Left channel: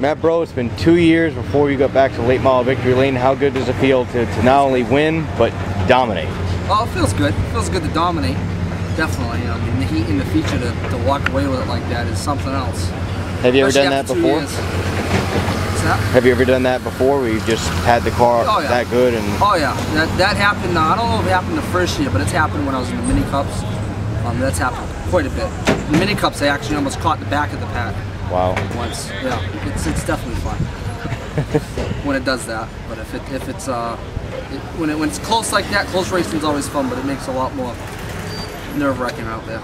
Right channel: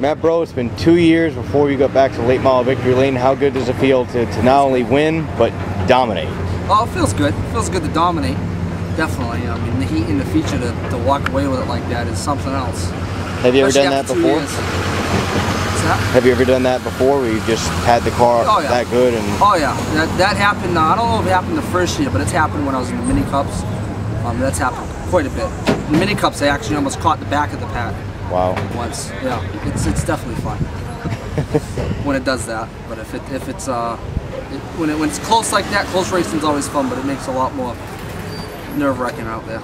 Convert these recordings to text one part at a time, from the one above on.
Matt Breault, it's been 2 years before you got back to late model victory lane. How good does it feel to not only win, but dominate? Well, it feels good. It feels good to dominate, definitely. I mean, the heat and the feature to walk away with it like that is something else. Have you ever done that before? What's that? Have you ever done that before, where you just had the car that good? And oh yeah, that happened. I don't know if it happened the first year, but it's happened when I was in the mini cups. That's happened quite a bit. In the mini cups, I actually almost caught the back of the pack. Wow. Once, yeah, it's definitely fun when it does that. But when it's close like that, close racing's always fun, but it makes a lot more nerve-wracking out there.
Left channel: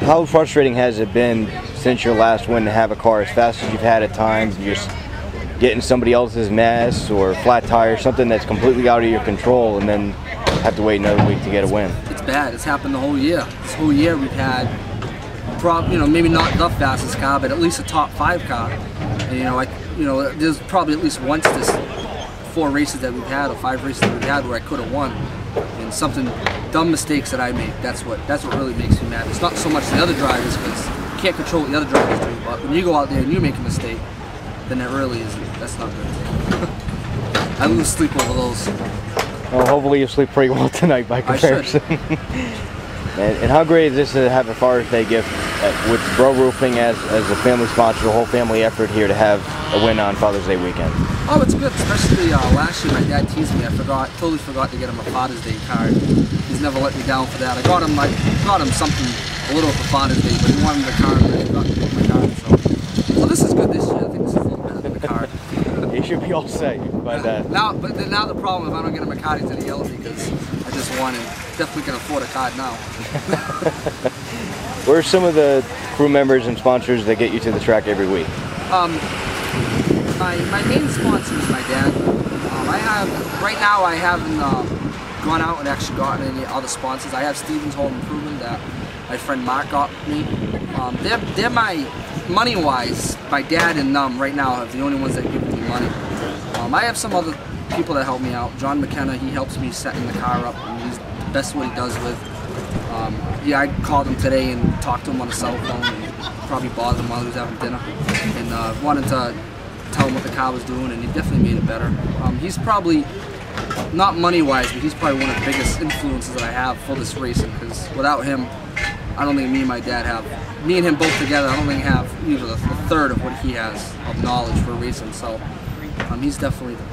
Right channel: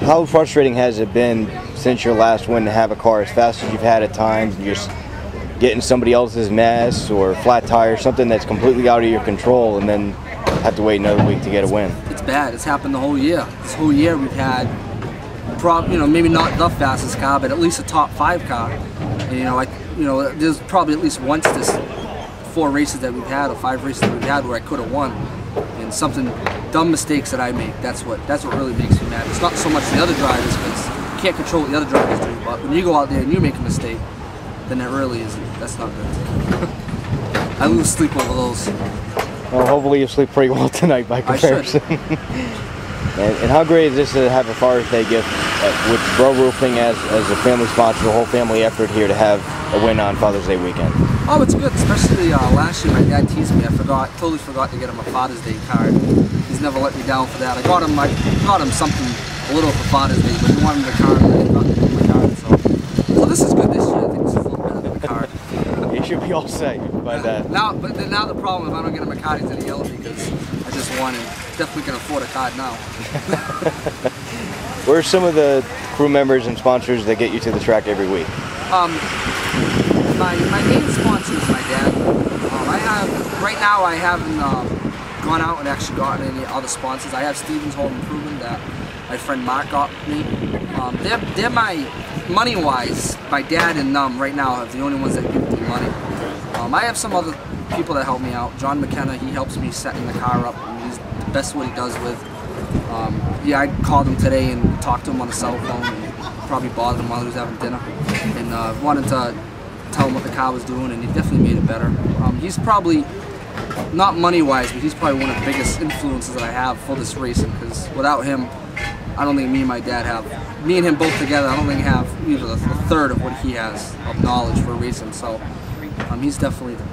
How frustrating has it been since your last win to have a car as fast as you've had at times, and just getting somebody else's mess or flat tire, something that's completely out of your control, and then have to wait another week to get a win? It's bad. It's happened the whole year. This whole year we've had, maybe not the fastest car, but at least a top 5 car. And there's probably at least once this 4 races that we've had or 5 races that we've had where I could have won. And something dumb mistakes that I make. That's what really makes me mad. It's not so much the other drivers, because you can't control what the other drivers do. But when you go out there and you make a mistake, then that really isn't. That's not good. I lose sleep over those. Well, hopefully you sleep pretty well tonight by comparison. I should. And how great is this to have a Father's Day gift with Breault Roofing as a family sponsor, a whole family effort here to have a win on Father's Day weekend? Oh, it's good, especially last year my dad teased me. Totally forgot to get him a Father's Day card. He's never let me down for that. I got him something a little for Father's Day, but he wanted the card and I forgot to give him my card. So this is good this year. I think this is a little better than the card. You should be all set by that. Now the problem, if I don't get him a card, he's gonna yell at me because I just won and definitely can afford a card now. Where are some of the crew members and sponsors that get you to the track every week? My main sponsor is my dad. Right now I haven't gone out and actually gotten any other sponsors. I have Stevens Home Improvement that my friend Mark got me. They're my money-wise. My dad and right now are the only ones that give me money. I have some other people that help me out. John McKenna, he helps me setting the car up, and he's the best what he does with. Yeah, I called him today and talked to him on the cell phone and probably bothered him while he was having dinner, and wanted to tell him what the car was doing, and he definitely made it better. He's probably, not money-wise, but he's probably one of the biggest influences that I have for this racing, because without him, I don't think me and my dad me and him both together, I don't think have even a third of what he has of knowledge for racing. So he's definitely the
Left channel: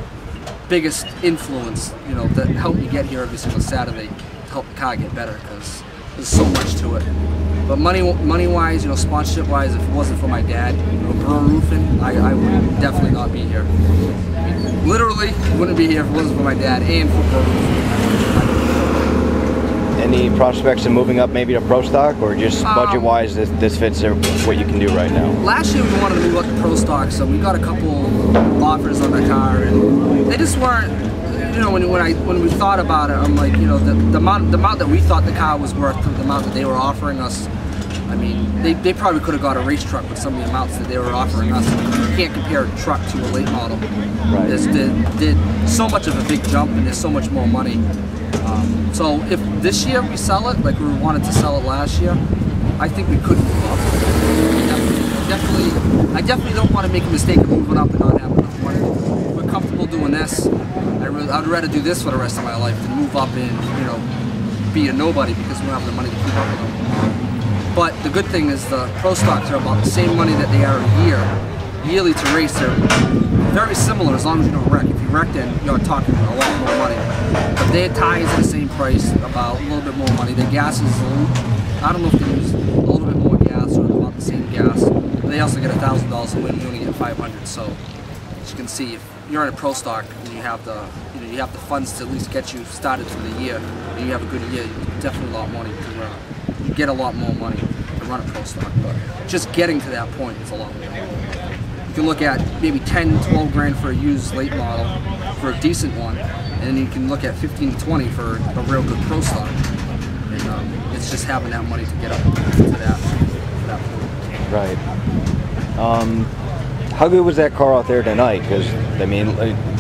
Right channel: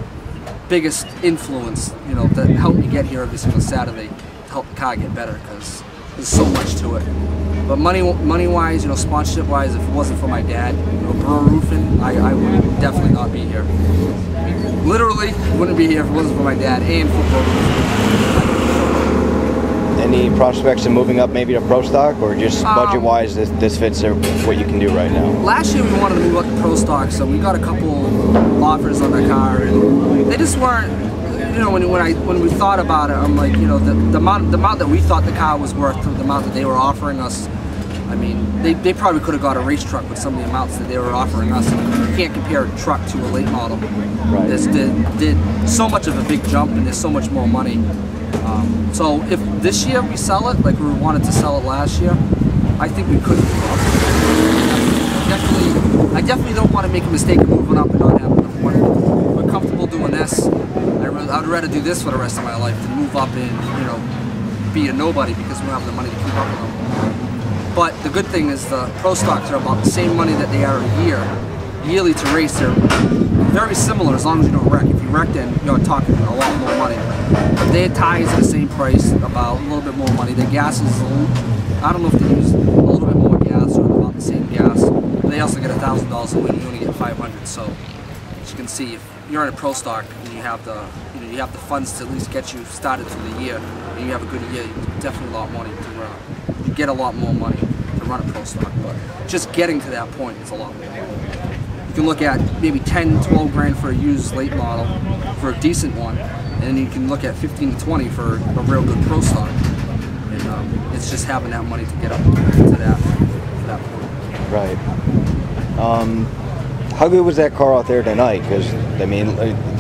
biggest influence, that helped me get here every single Saturday to help the car get better, because there's so much to it. But money-wise, sponsorship-wise, if it wasn't for my dad, Breault Roofing, I would definitely not be here. I mean, literally wouldn't be here if it wasn't for my dad and for Breault Roofing. Any prospects of moving up maybe to Pro Stock, or just budget-wise this fits what you can do right now? Last year we wanted to move up to Pro Stock, so we got a couple offers on the car, and they just weren't. When we thought about it, I'm like, the amount that we thought the car was worth, the amount that they were offering us. I mean, they probably could have got a race truck with some of the amounts that they were offering us. You can't compare a truck to a late model. Right. There's so much of a big jump, and there's so much more money. So if this year we sell it, like we wanted to sell it last year, I think we could move up. I definitely don't want to make a mistake of moving up and not having enough money. We're comfortable doing this. I'd rather do this for the rest of my life than move up and be a nobody because we don't have the money to keep up with them. But the good thing is the Pro Stocks are about the same money that they are a year. Yearly to race, they're very similar as long as you don't wreck. If you wreck, then you're talking a lot more money. But their tires are the same price, about a little bit more money. Their gas is, I don't know if they use a little bit more gas or about the same gas. But they also get $1,000 to win. We only get $500. So as you can see, if you're in a Pro Stock and you have the funds to at least get you started through the year, and you have a good year, you definitely a lot more money to run. You get a lot more money to run a Pro Stock, but just getting to that point is a lot more. You can look at maybe 10, 12 grand for a used late model for a decent one, and then you can look at 15 to 20 for a real good Pro Stock. And it's just having that money to get up to that point. Right. How good was that car out there tonight? Because, I mean,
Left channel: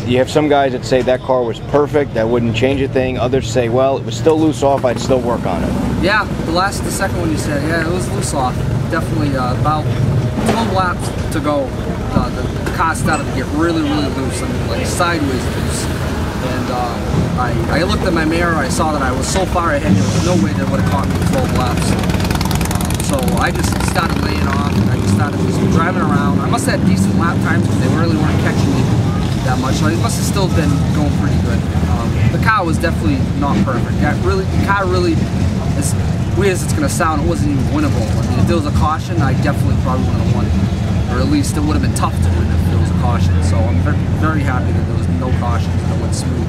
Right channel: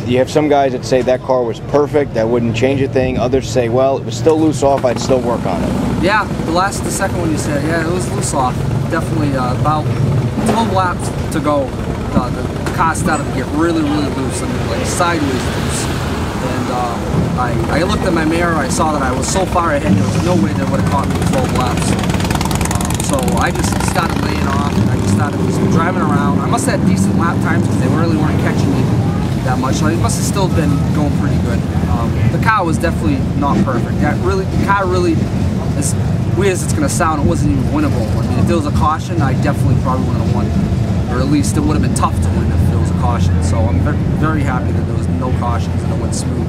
you have some guys that say that car was perfect, that wouldn't change a thing. Others say, well, it was still loose off, I'd still work on it. Yeah, the second one you said, yeah, it was loose off. definitely about 12 laps to go. The car started to get really, really loose. I mean, like sideways loose. And I looked at my mirror. I saw that I was so far ahead. There was no way that would have caught me 12 laps. So I just started laying off, and I just started just driving around. I must have had decent lap times because they really weren't catching me that much. So it must have still been going pretty good. The car was definitely not perfect. The car really, as weird as it's going to sound, it wasn't even winnable. I mean, if there was a caution, I definitely probably wouldn't have won. Or at least it would have been tough to win if there was a caution. So I'm very happy that there was no cautions and it went smooth.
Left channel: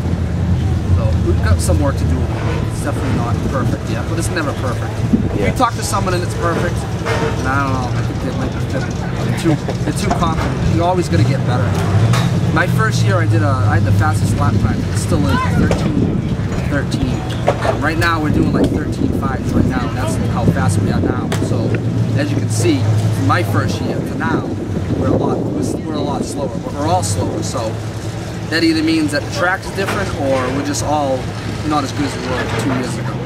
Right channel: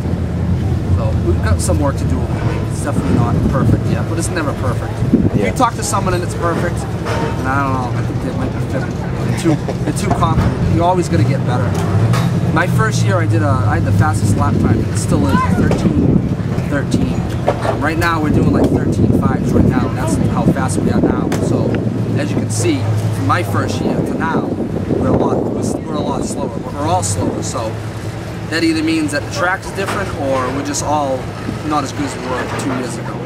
So we've got some work to do over the week. It's definitely not perfect yet, but it's never perfect. Yeah. If you talk to someone and it's perfect, and I don't know, I think they might be fibbing. They're too confident. You're always going to get better. My first year I had the fastest lap time. It still is 13:13. Right now we're doing like 13.5s right now, and that's how fast we are now. So as you can see, from my first year to now, we're a lot slower. We're all slower. So that either means that the track's different, or we're just all not as good as we were 2 years ago.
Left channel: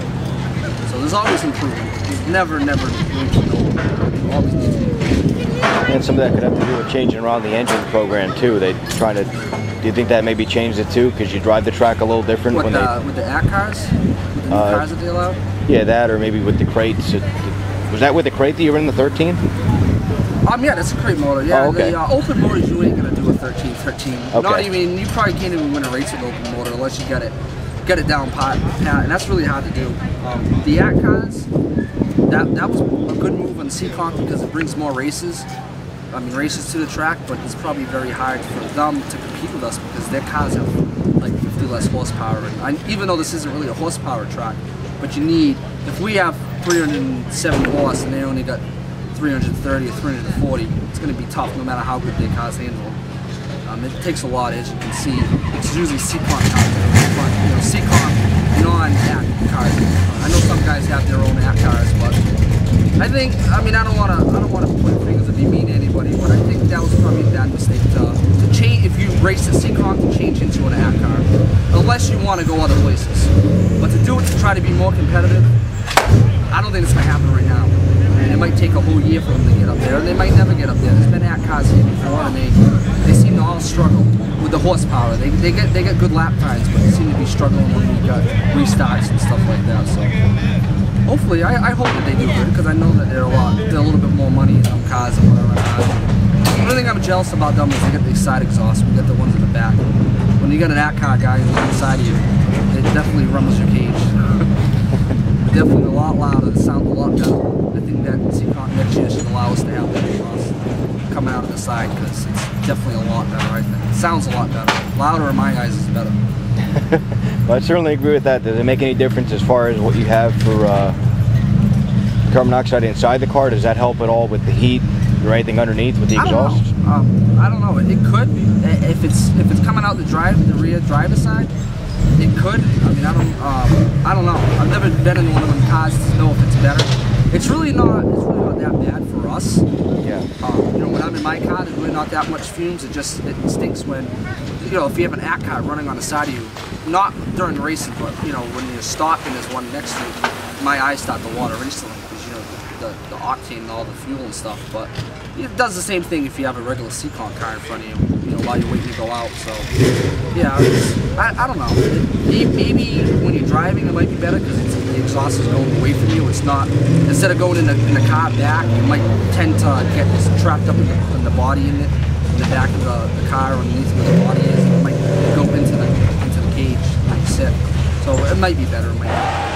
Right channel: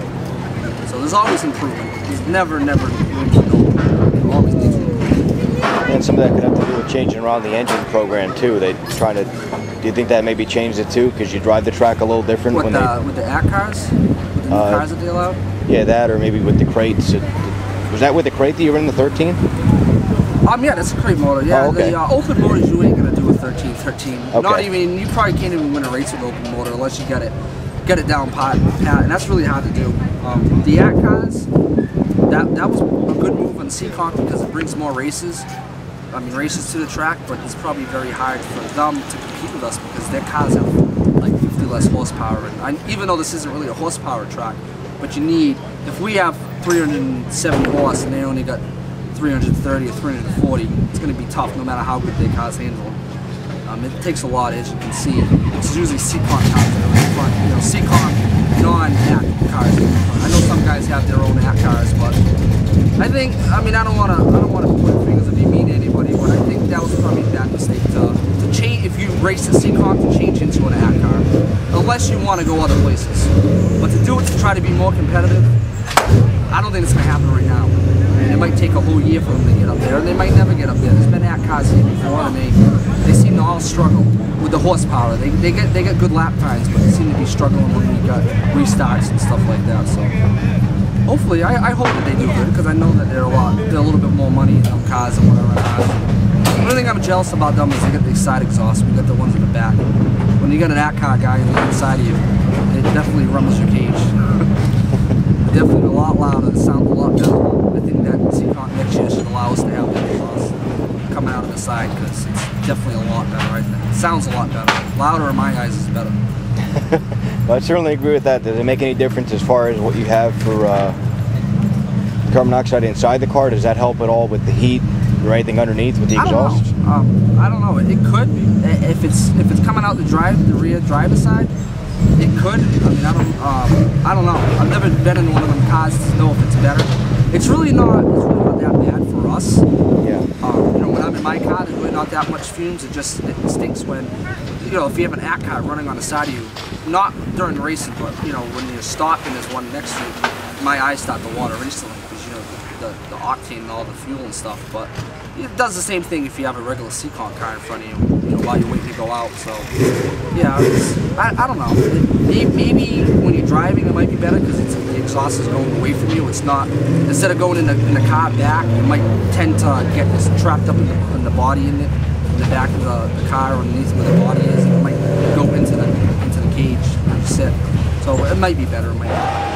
So there's always improvement. There's never room for no improvement. You always need to improve. And some of that could have to do with changing around the engine program too. They try to. Do you think that maybe changed it too? Because you drive the track a little different with the AT cars, with the new cars that they allow. Yeah, that, or maybe with the crates. Was that with the crate that you were in the 13? Yeah, that's a crate motor. Yeah, oh, okay. The open motors you ain't gonna do a 13. Okay. Not even, you probably can't even win a race with open motor unless you get it down pat, and that's really hard to do. The AT cars, that was a good move on Seekonk because it brings more races. I mean, races to the track, but it's probably very hard for them to compete with us because their cars have like 50 less horsepower. And even though this isn't really a horsepower track, but you need, if we have 370 horse and they only got 330 or 340, it's going to be tough no matter how good their cars handle. It takes a lot, as you can see. It's usually Seekonk cars that are in front. You know, Seekonk non-AT cars. I know some guys have their own AT cars, but I think, I mean, I don't want to point fingers and be mean to anybody, but I think that was probably a bad mistake to change, if you race at Seekonk, to change into an AT car, unless you want to go other places. But to do it to try to be more competitive, I don't think it's going to happen right now. I mean, it might take a whole year for them to get up there, and they might never get up there. There's been AT cars here before, and they seem to all struggle with the horsepower. They get good lap times, but they seem to be struggling when we got restarts and stuff like that. So hopefully, I hope that they do good, because I know that they're a little bit more money in them cars and whatever. The only thing I'm jealous about them is they get the side exhaust. We got the ones in the back. When you got an AT car guy on the inside of you, it definitely rumbles your cage. Definitely a lot louder. It sounds a lot better. I think that Seekonk next year should allow us to have that exhaust coming out of the side, because it's definitely a lot better, I think. It sounds a lot better. Louder in my eyes is better. Well, I certainly agree with that. Does it make any difference as far as what you have for carbon monoxide inside the car? Does that help at all with the heat or anything underneath with the exhaust? I don't know. It could. If it's coming out the rear driver's side, it could. I mean, I don't know. I've never been in one of them cars to know if it's better. It's really not that bad for us. Yeah. You know, when I'm in my car, there's really not that much fumes. It stinks when, you know, if you have an AT car running on the side of you, not during racing, but, you know, when you're stopping, there's one next to you, my eyes start to water instantly because, you know, the octane and all the fuel and stuff. But it does the same thing if you have a regular Seekonk car in front of you, you know, while you're waiting to go out. So, yeah, I don't know. Maybe when you're driving, it might be better because the exhaust is going away from you. It's not, instead of going in the car back, you might tend to get trapped up in the body in the back of the car, underneath where the body is. It might go into the cage where you sit. So it might be better. It might not.